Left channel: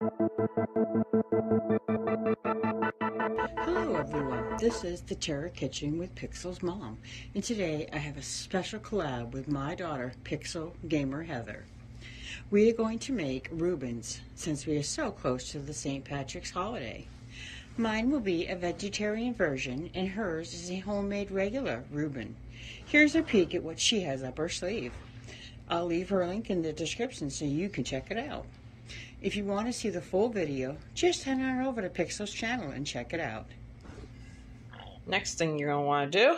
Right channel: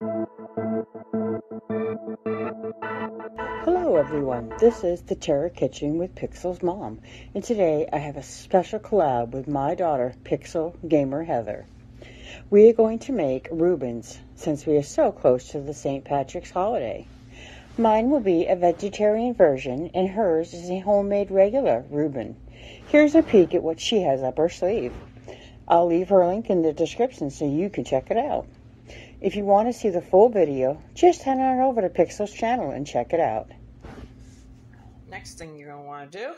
Hello everyone, this is the Terra Kitchen with Pixel's mom, and today I have a special collab with my daughter, Pixel Gamer Heather. We are going to make Reubens, since we are so close to the St. Patrick's holiday. Mine will be a vegetarian version, and hers is a homemade regular Reuben. Here's a peek at what she has up her sleeve. I'll leave her link in the description so you can check it out. If you want to see the full video, just head on over to Pixel's channel and check it out. Next thing you're going to want to do,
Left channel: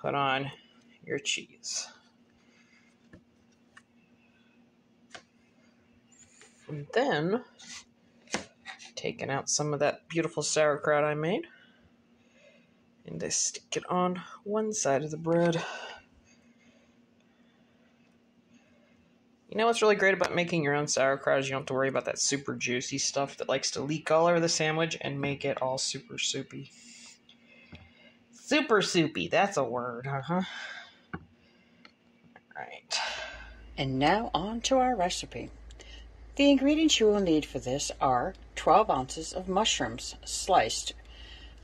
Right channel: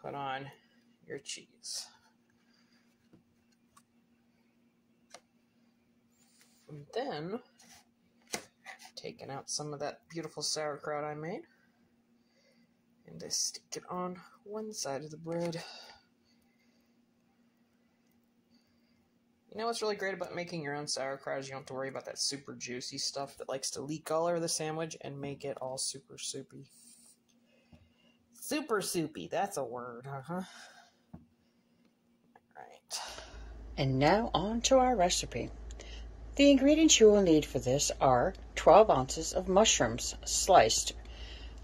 put on your cheese. And then, taking out some of that beautiful sauerkraut I made, and I stick it on one side of the bread. You know what's really great about making your own sauerkraut is you don't have to worry about that super juicy stuff that likes to leak all over the sandwich and make it all super soupy. Super soupy, that's a word, huh? Alright. And now on to our recipe. The ingredients you will need for this are 12 ounces of mushrooms sliced.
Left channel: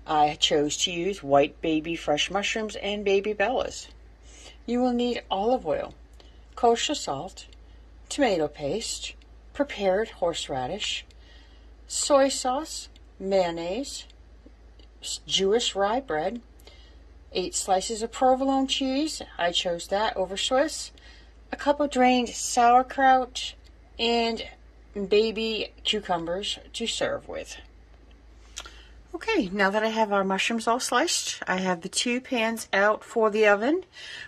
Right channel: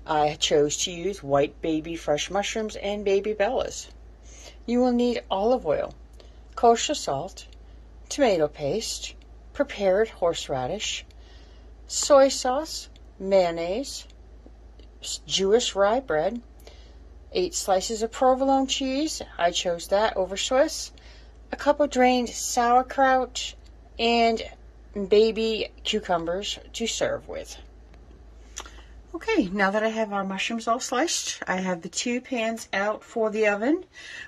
I chose to use white baby fresh mushrooms and baby bellas. You will need olive oil, kosher salt, tomato paste, prepared horseradish, soy sauce, mayonnaise, Jewish rye bread, 8 slices of provolone cheese, I chose that over Swiss, a cup of drained sauerkraut, and baby cucumbers to serve with. Okay, now that I have our mushrooms all sliced, I have the 2 pans out for the oven.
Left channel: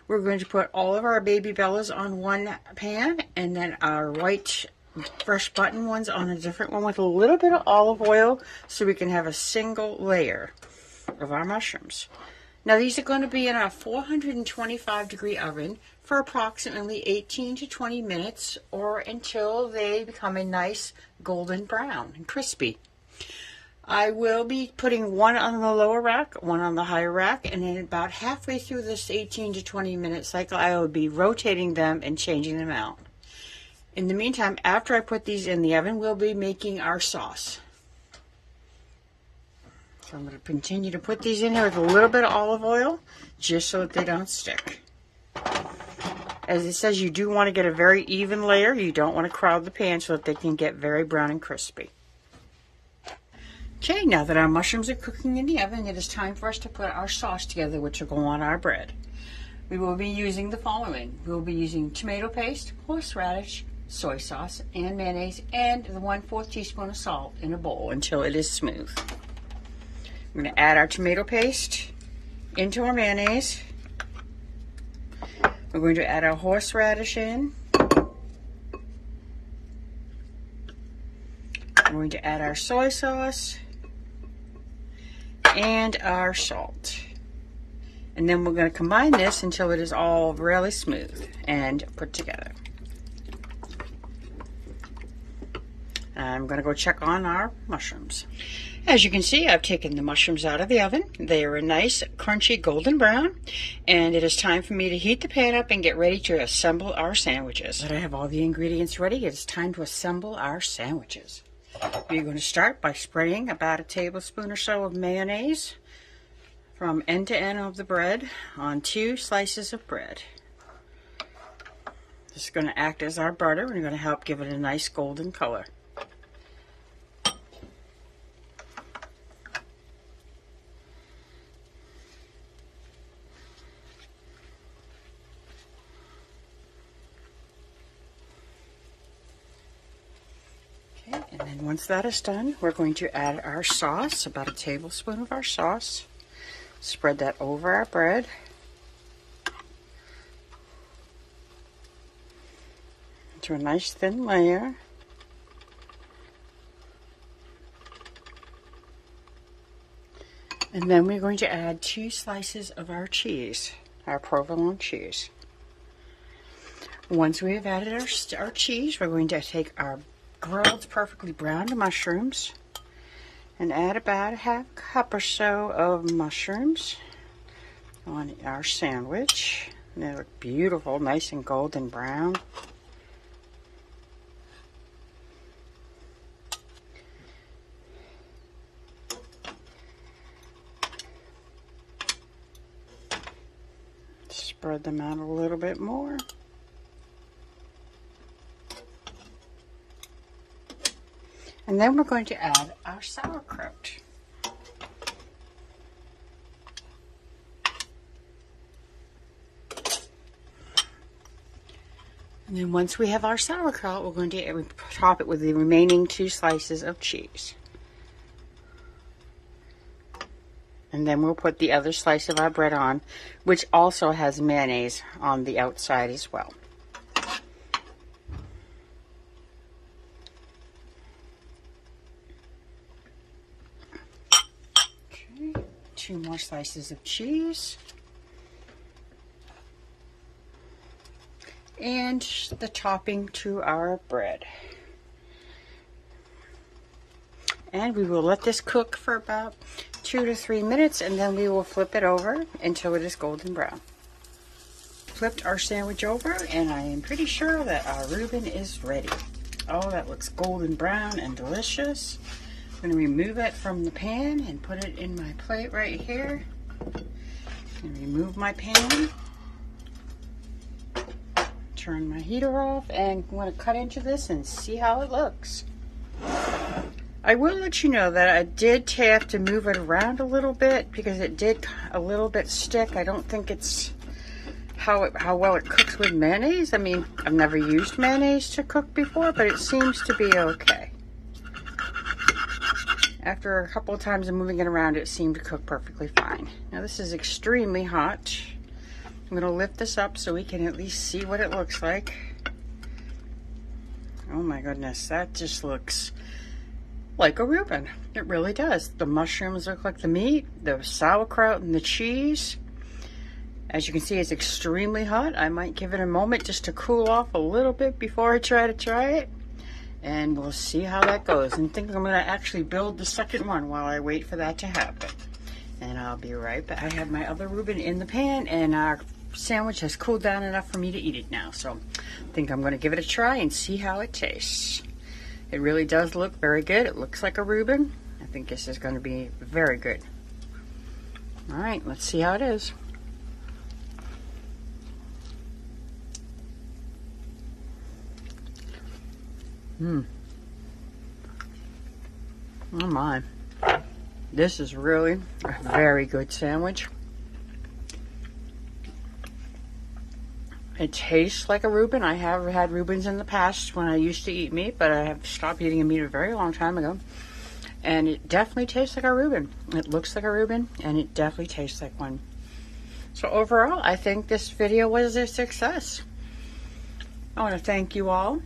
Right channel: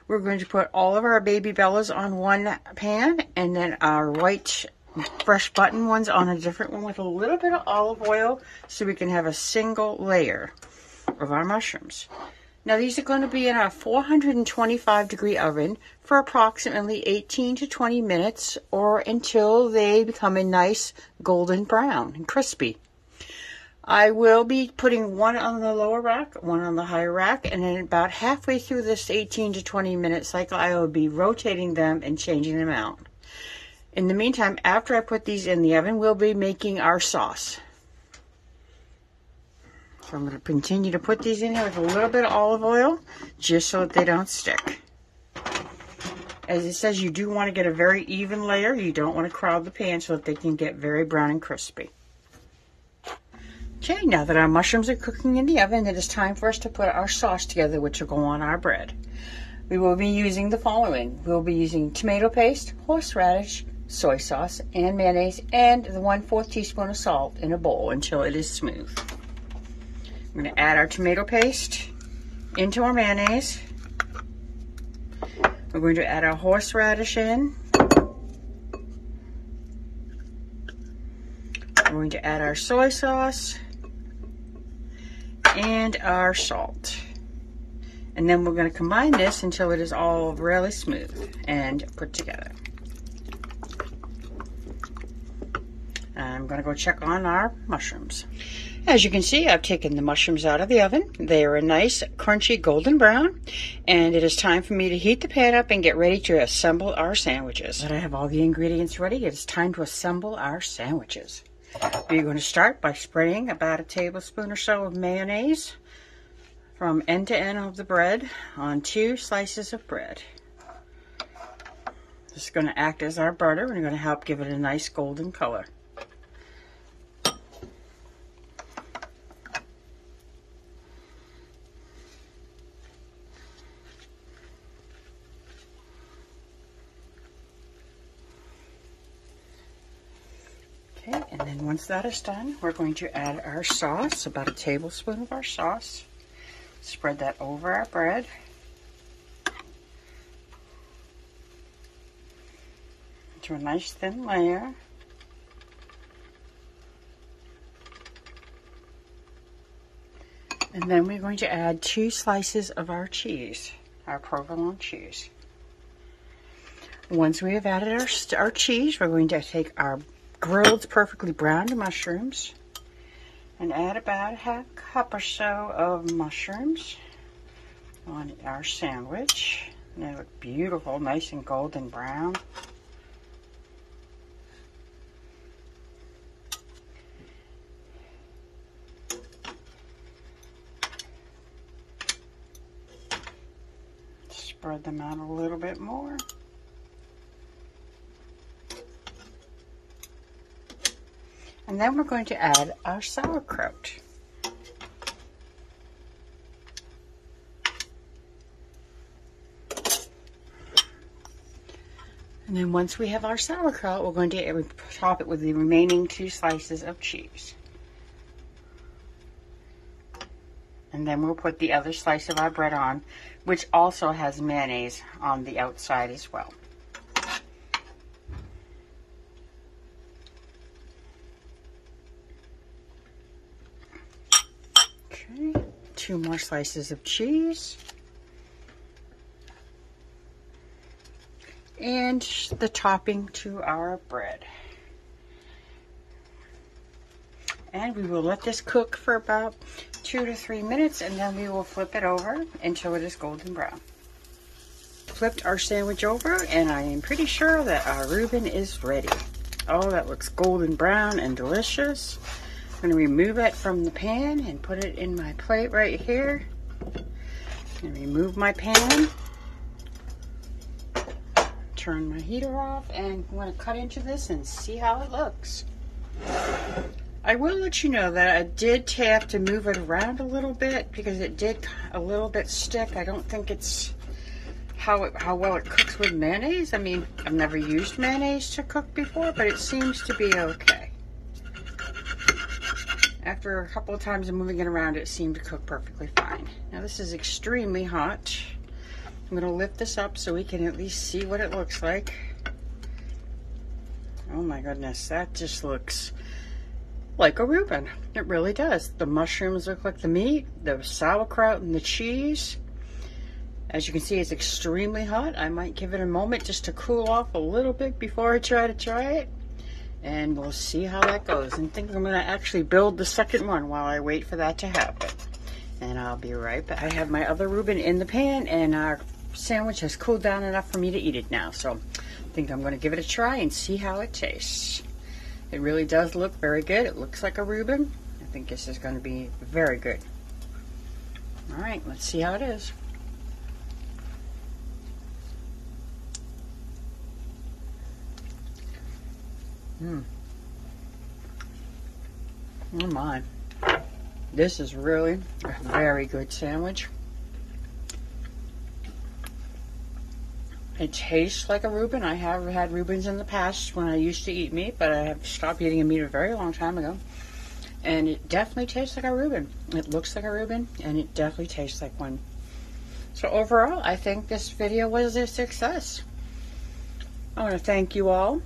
We're going to put all of our baby bellas on one pan, and then our white fresh button ones on a different one with a little bit of olive oil so we can have a single layer of our mushrooms. Now these are going to be in our 425 degree oven for approximately 18 to 20 minutes or until they become a nice golden brown and crispy. I will be putting one on the lower rack, one on the higher rack, and then about halfway through this 18 to 20 minute cycle, I will be rotating them and changing them out. In the meantime, after I put these in the oven, we'll be making our sauce. So I'm going to continue to put these in here with a little bit of olive oil, just so that they don't stick. As it says, you do want to get a very even layer. You don't want to crowd the pan so that they can get very brown and crispy. Okay, now that our mushrooms are cooking in the oven, it is time for us to put our sauce together, which will go on our bread. We will be using the following. We'll be using tomato paste, horseradish, soy sauce, and mayonnaise, and the 1/4 teaspoon of salt in a bowl until it is smooth. We're going to add our tomato paste into our mayonnaise. We're going to add our horseradish in. We're going to add our soy sauce and our salt. And then we're going to combine this until it is all really smooth and put together. I'm going to go check on our mushrooms. As you can see, I've taken the mushrooms out of the oven. They are a nice, crunchy, golden brown. And it is time for me to heat the pan up and get ready to assemble our sandwiches. Now that I have all the ingredients ready, it is time to assemble our sandwiches. We're going to start by spreading about a tablespoon or so of mayonnaise from end to end of the bread on 2 slices of bread. This is going to act as our butter and going to help give it a nice golden color. Okay, and then once that is done, we're going to add our sauce, about a tablespoon of our sauce. Spread that over our bread. Into a nice thin layer. And then we're going to add 2 slices of our cheese, our provolone cheese. Once we have added our cheese, we're going to take our grilled, perfectly browned mushrooms and add about a half cup or so of mushrooms on our sandwich. They look beautiful, nice and golden brown. Spread them out a little bit more. And then we're going to add our sauerkraut. And then once we have our sauerkraut, we're going to top it with the remaining 2 slices of cheese. And then we'll put the other slice of our bread on, which also has mayonnaise on the outside as well. Okay, 2 more slices of cheese. And the topping to our bread. And we will let this cook for about 2 to 3 minutes, and then we will flip it over until it is golden brown. Flipped our sandwich over, and I am pretty sure that our Reuben is ready. Oh, that looks golden brown and delicious. I'm going to remove it from the pan and put it in my plate right here. And remove my pan. Turn my heater off, and I'm going to cut into this and see how it looks. I will let you know that I did have to move it around a little bit because it did a little bit stick. I don't think it's how well it cooks with mayonnaise. I mean, I've never used mayonnaise to cook before, but it seems to be okay. After a couple of times of moving it around, it seemed to cook perfectly fine. Now this is extremely hot. I'm going to lift this up so we can at least see what it looks like. Oh my goodness, that just looks like a Reuben. It really does. The mushrooms look like the meat, the sauerkraut and the cheese. As you can see, it's extremely hot. I might give it a moment just to cool off a little bit before I try it. And we'll see how that goes. I think I'm going to actually build the second one while I wait for that to happen. And I'll be right back. I have my other Reuben in the pan, and our sandwich has cooled down enough for me to eat it now. So I think I'm going to give it a try and see how it tastes. It really does look very good. It looks like a Reuben. I think this is going to be very good. All right, let's see how it is. Oh my. This is really a very good sandwich. It tastes like a Reuben. I have had Reubens in the past when I used to eat meat, but I have stopped eating meat a very long time ago. And it definitely tastes like a Reuben. It looks like a Reuben, and it definitely tastes like one. So overall, I think this video was a success. I want to thank you all.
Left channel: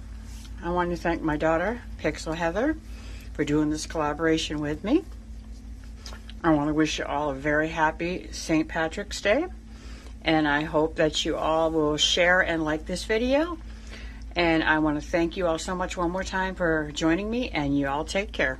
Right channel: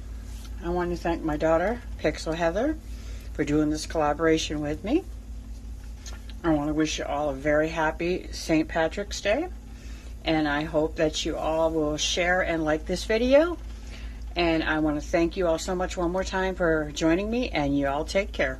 I want to thank my daughter, Pixel Heather, for doing this collaboration with me. I want to wish you all a very happy St. Patrick's Day. And I hope that you all will share and like this video. And I want to thank you all so much one more time for joining me, and you all take care.